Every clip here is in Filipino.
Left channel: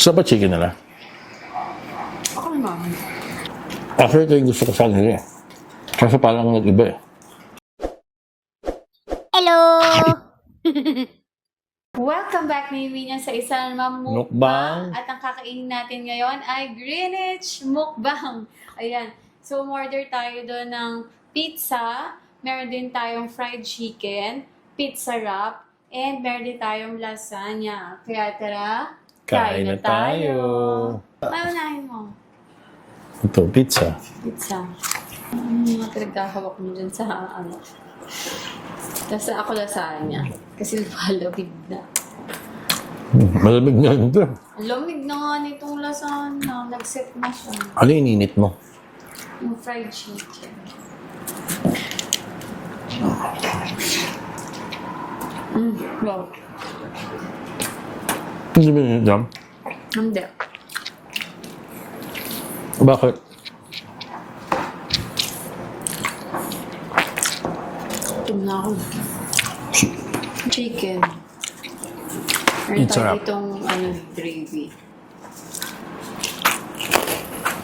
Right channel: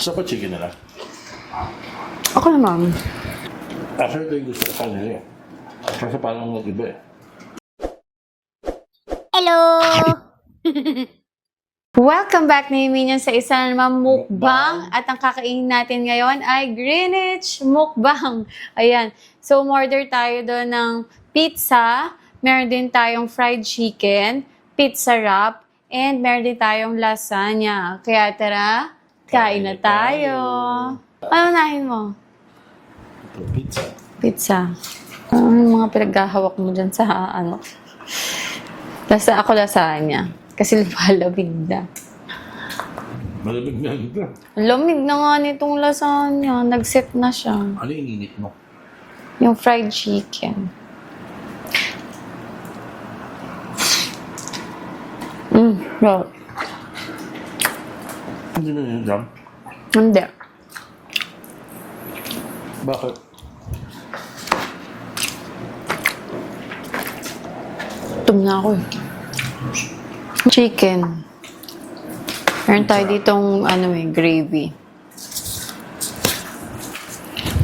Sa ba chicken nila? Ako naman. Actually, ito yung gusto ko sa kanila eh. Kasi parang nag-iba eh. Hello! Welcome back na Minion sa isa na namang mukbang. Mukbang. At ang kakainin natin ngayon ay Greenwich mukbang. Ayan. So, umorder tayo doon ng pizza. Meron din tayong fried chicken, pizza wrap, and meron din tayong lasagna. Kaya tara, kain na tayo. Ano nahin mo? Ito, pizza. Pizza. Ano yung mga pinaghahawak mo dyan sa ano? Ako lasagna. Kasi lumalabig na. Malamig na ito. Lamig na nga nitong lasagna. Nag-set na siya. Ano yung ininit mo? Yung fried chicken. Wow. Hindi ba yun dyan? Hindi. Bakit? Gutom na ako eh. Chicken. Meron tayo Sarap. ditong gravy.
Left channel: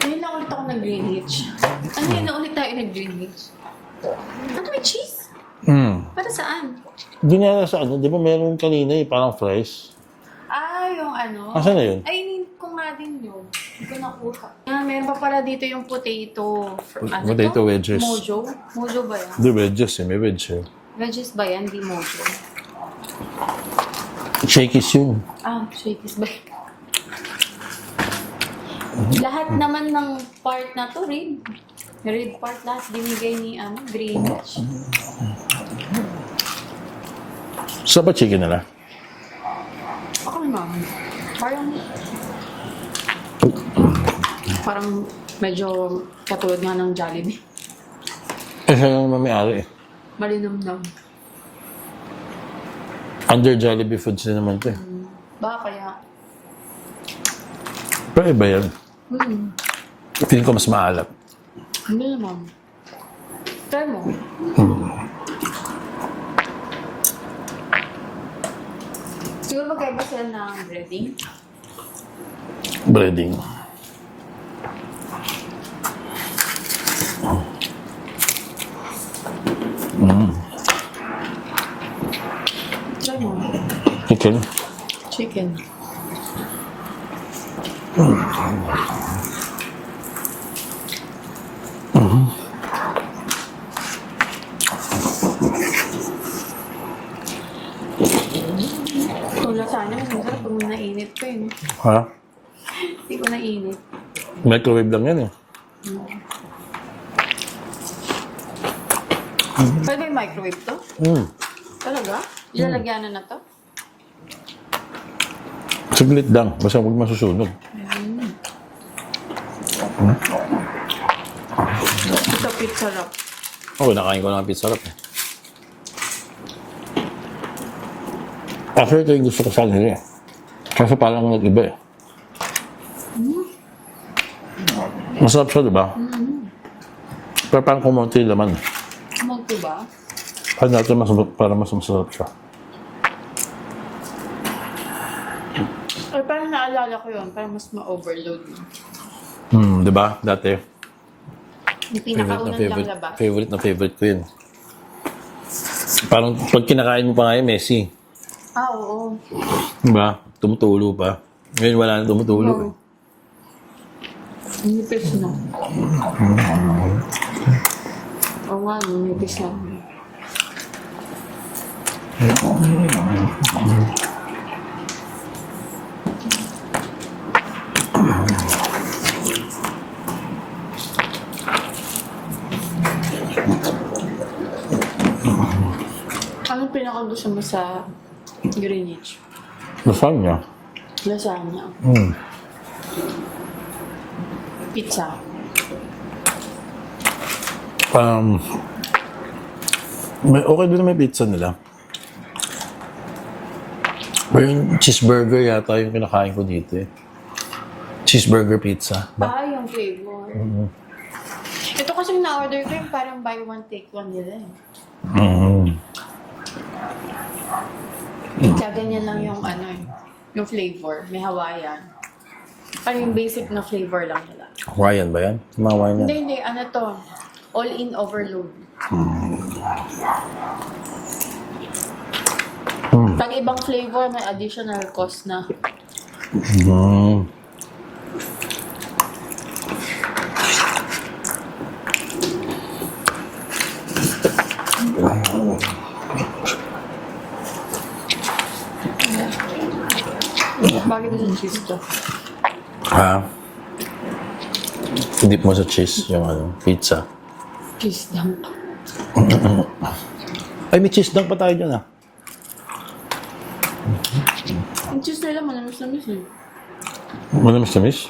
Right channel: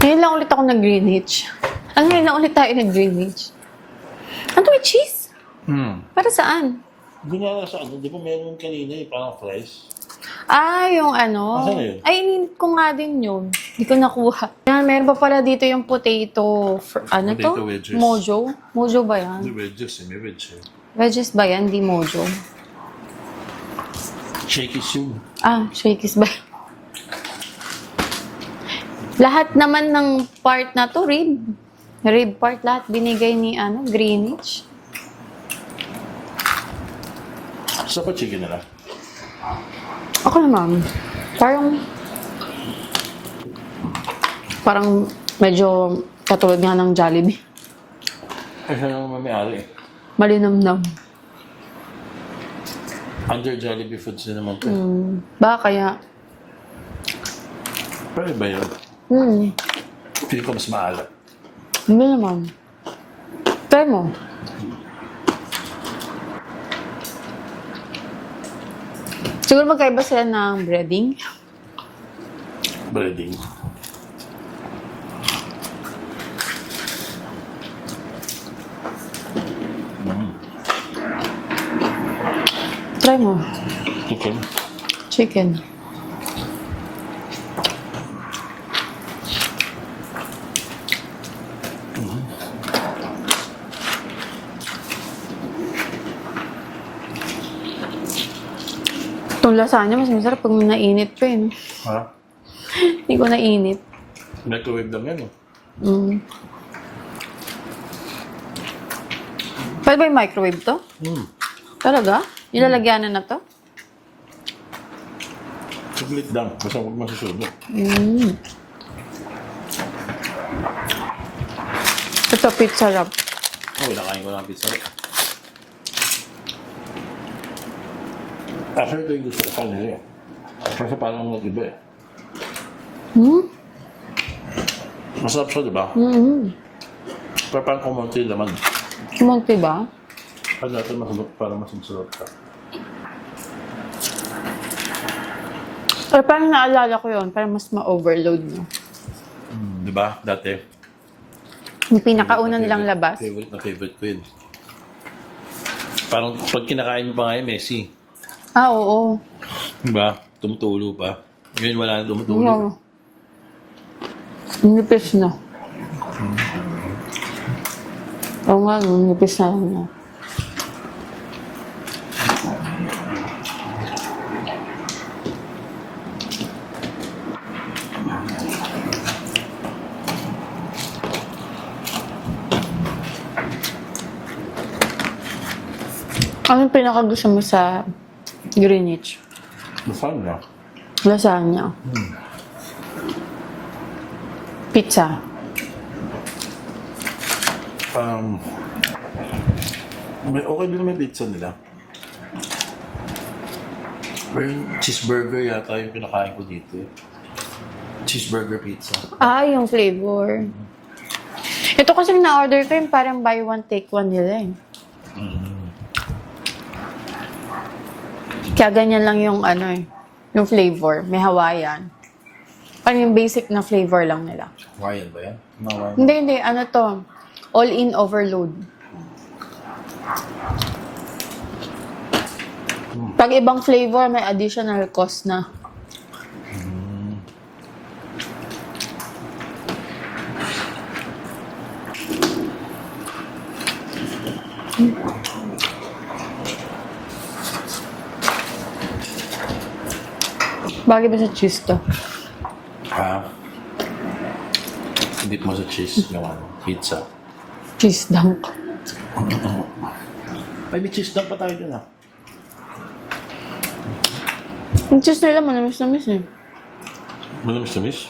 Ngayon lang ulit ako nag-Greenwich. Ngayon lang ulit tayo nag-Greenwich. Ano may cheese? Para saan? Hindi nga sa ano, di ba meron kanina eh, parang fries? Ah, yung ano? Asan na yun? Ay, ininit ko nga din yun. Hindi ko nakuha. Yan, meron pa pala dito yung potato. Potato wedges. Mojo? Mojo ba yan? Hindi, wedges eh, may wedge eh. Wedges ba yan? Di mojo. Shakey's yun. Ah, shakies ba yan? Lahat naman ng part na to, rib. Rib part lahat binigay ni Greenwich. Sa ba chicken nila? Ako naman. Parang medyo katulad nga ng Jollibee. Eh, siya naman may-ari eh. Malinamnam. Under Jollibee Foods din naman ito eh. Baka kaya. Pero iba yan. Feeling ko mas maalat. Hindi naman. Try mo. Siguro magkaiba sila ng breading. Breading. Try mo. Chicken. Chicken. Itong lasagna, mas masarap pag nainit ko eh. Ha? Hindi ko nainit. Microwave lang yan eh. Pwede ba yung microwave to? Talaga? Nilalagyanan na to? Saglit lang. Basta huwag masusunog. Ito pizza wrap. Oo, nakain ko lang ang pizza wrap. Actually, ito yung gusto ko sa kanila eh. Kasi parang nag-iba eh. Masarap siya, di ba? Pero parang kumunti laman. Kumunti ba? Kaya natin para mas masarap siya. Or parang naalala ko yun, parang mas ma-overload mo. Di ba? Dati. Yung pinakaunang lang labas. Favorite ko yun. Parang pag kinakain mo pa nga yun, messy. Ah, oo. Di ba? Tumutulo pa. Ngayon wala na tumutulo. Oo. Nipis na. Oo nga, nipis na. Anong pinakagusto mo sa Greenwich? Lasagna. Lasagna. Pizza. Okay din may pizza nila. Pero yung cheeseburger yata yung pinakain ko dito eh. Cheeseburger pizza. Ah, yung flavor. Ito kasi na-order ko yung parang buy one, take one nila eh. Kaya ganyan lang yung yung flavor. May Hawaiian. Ano yung basic na flavor lang nila. Hawaiian ba yan? Hawaiian. Hindi. Ano to? All-in overload. Pag ibang flavor, may additional cost na. Mm. Bagay ba sa cheese to? Ha? Dip mo sa cheese yung pizza. Cheese dunk. Ay, may cheese dunk pa tayo dyan Yung cheese nila, manamis-namis eh. Manamis na miss?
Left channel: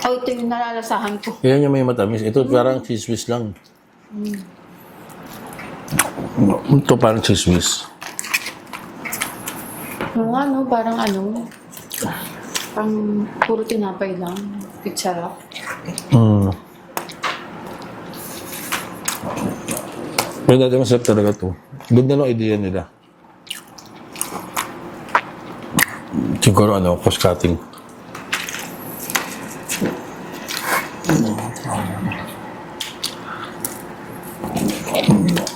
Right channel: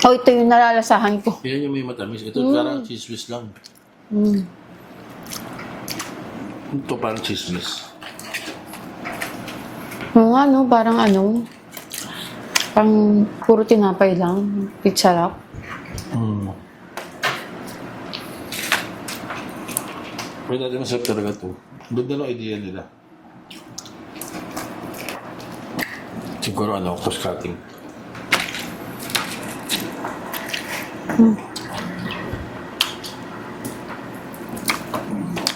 Oh, ito yung nalalasahan ko. Yan yung may matamis. Ito parang cheese whiz lang. Ito parang cheese whiz. Oo nga, no? Parang pang puro tinapay lang. Pizza wrap. Pero dati masarap talaga to. Ganda lang idea nila. Siguro cross cutting.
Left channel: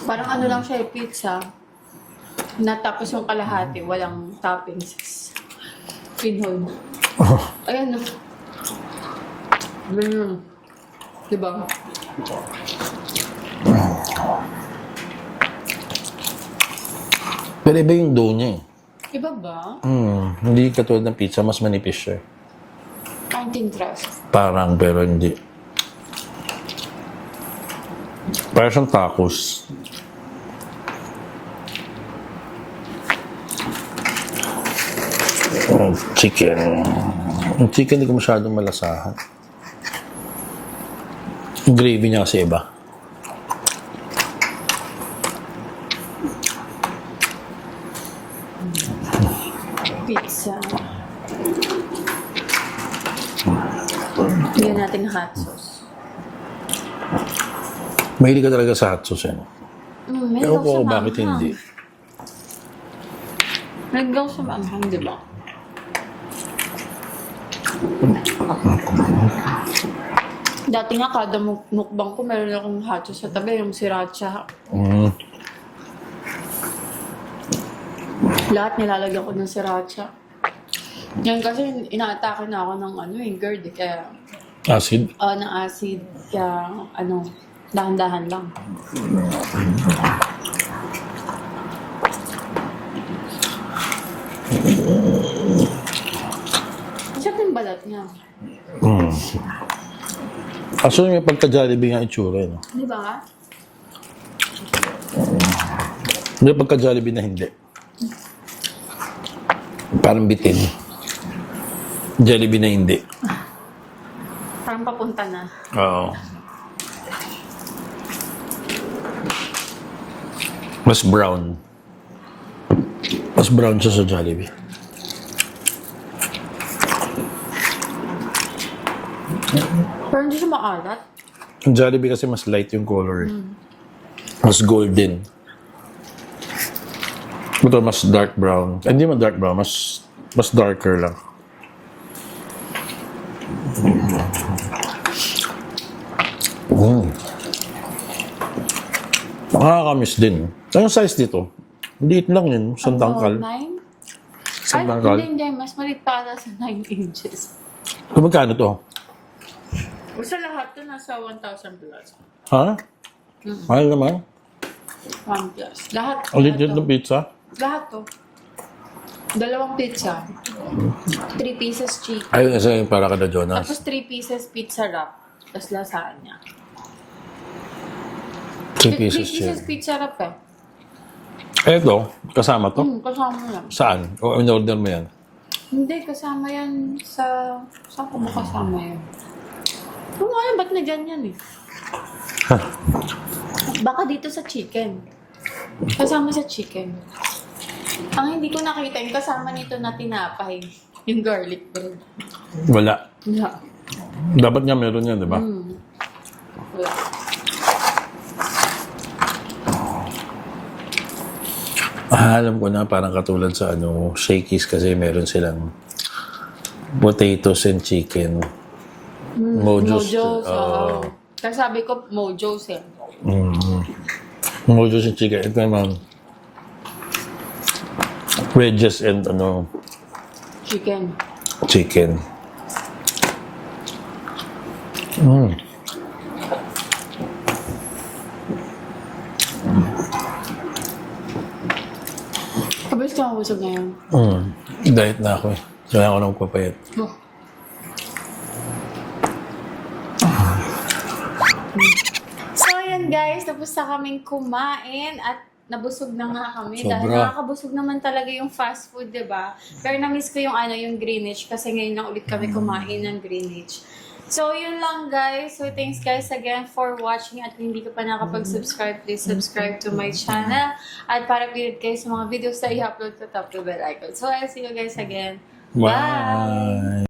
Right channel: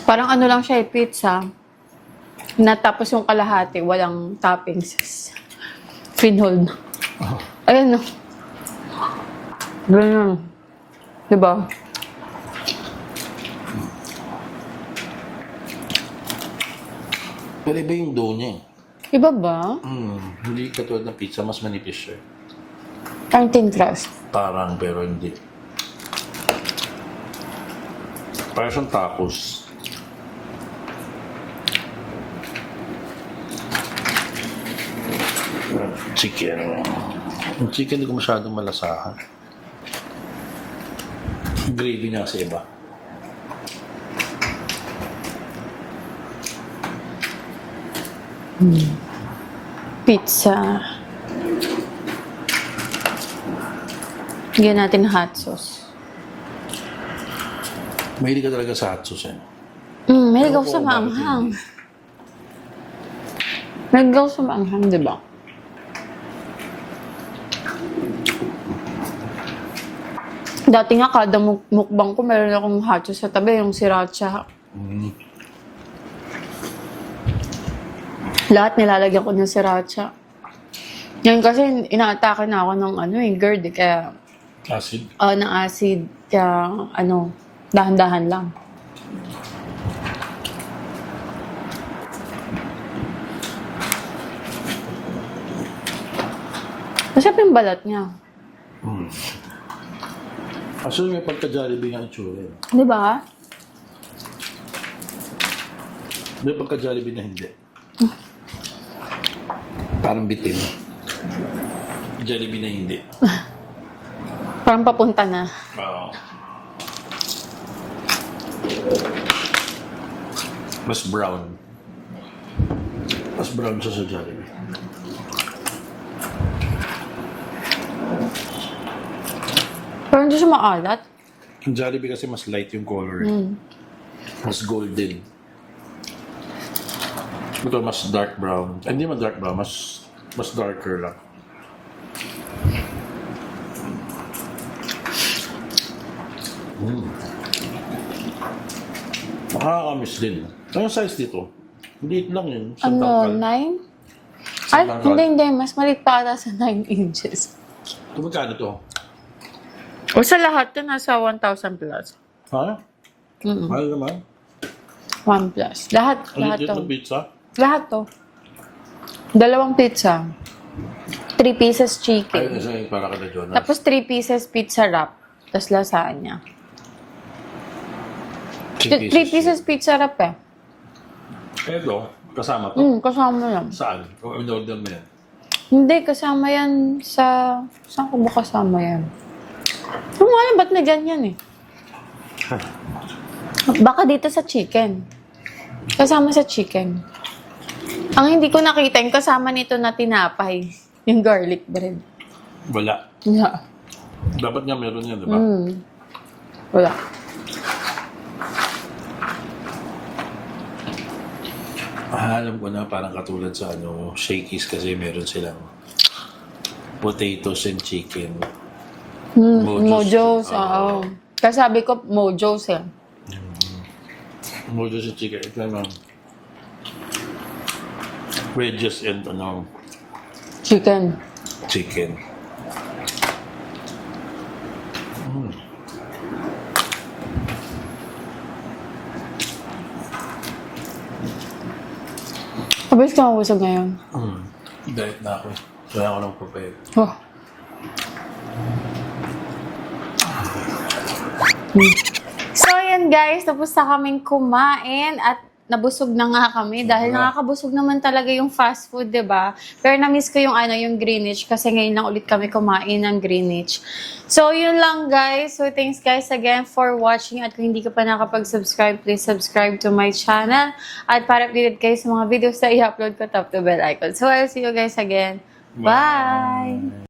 Parang lang siya pizza. Natapos yung kalahati, walang toppings. Pinhold. Ayun, no? Ganyan. Diba? Pero iba yung dough niya Iba ba? Hindi katulad ng pizza, mas manipis siya. Parang thin crust. Parang, pero hindi. Parang siyang tacos. Chicken. Yung chicken hindi ko masyadong malasahan. Yung gravy niya kasi iba. Pizza. Bigyan natin hot sauce. Mahilig ka talaga sa hot sauce yan. May Pero gaw sa kung bakit maanghang. hindi? May gaw sa maanghang, di ba? Dati nga, kada mukbang ko, meron akong hot sauce sa tabi, yung sriracha. Lahat nilalagyan ko ng sriracha. Yan kasi inaatake na ako ng GERD, kaya Acid? ng acid, kaya dahan-dahan lang. Masarap yung balat niya. Actually, may pagka-Jollibee nga itsura, no? Di ba? May pagka-Jollibee na hindi. Parang bitin. Jollibee na hindi. Parang papunta na. Oo. Mas brown. Mas brown siya sa Jollibee. Parang hindi siya maalat. Yung Jollibee kasi mas light yung color. Mas golden. Ito mas dark brown. Hindi man dark brown, mas darker lang. Makakamiss din. Anong size dito? Liit lang yun. Isang tangkal. 9? Ay, Isang tangkal. hindi. Mas maliit pa ata sa 9 inches. Kung magkano to? O sa lahat to, nasa 1,000 plus. Ha? Mahal naman. 1 plus. Lahat Ang legit to. ng pizza. Lahat to. 2 pizza. 3 pieces chicken. Ayun, isa yung para kada Jonas. Tapos 3 pieces pizza wrap. Tapos lasagna. 3 pieces pizza wrap eh. Ito, kasama to. Kasama yan. Saan? O in-order mo yan? Hindi, kasama yan sa... Saan ko ba kasama yan? Kung wala, ba't may ganyan eh? Baka dito sa chicken. Kasama sa chicken. Ang hindi ko nakita, yung kasama nito na tinapay. Yung garlic bread. Wala. Wala. Dapat nga meron yan, di ba? Wala. Alam ko na parang katulad sa Shakey's kasi meron silang Potatoes and chicken. Mojos. Oo. Kasi sabi ko, Mojos eh. Mojos and chicken. Ito naman. Wedges and Chicken. chicken. Abis ka mabusog ngayon. Diet na ako eh. Kailangan ko ng papayat. Oh. So, ayan guys, tapos na kaming kumain at nabusog na nga kami dahil Sobra. nakakabusog naman talaga yung fast food, 'di ba? Pero na-miss ko yung Greenwich kasi ngayon lang ulit kami kumain ng Greenwich. So, yun lang guys. So, thanks guys again for watching at kung hindi ka pa nakapag-subscribe, please subscribe to my channel at para updated kayo sa mga videos na i-upload ko, tap the bell icon. So, I'll see you guys again. Bye!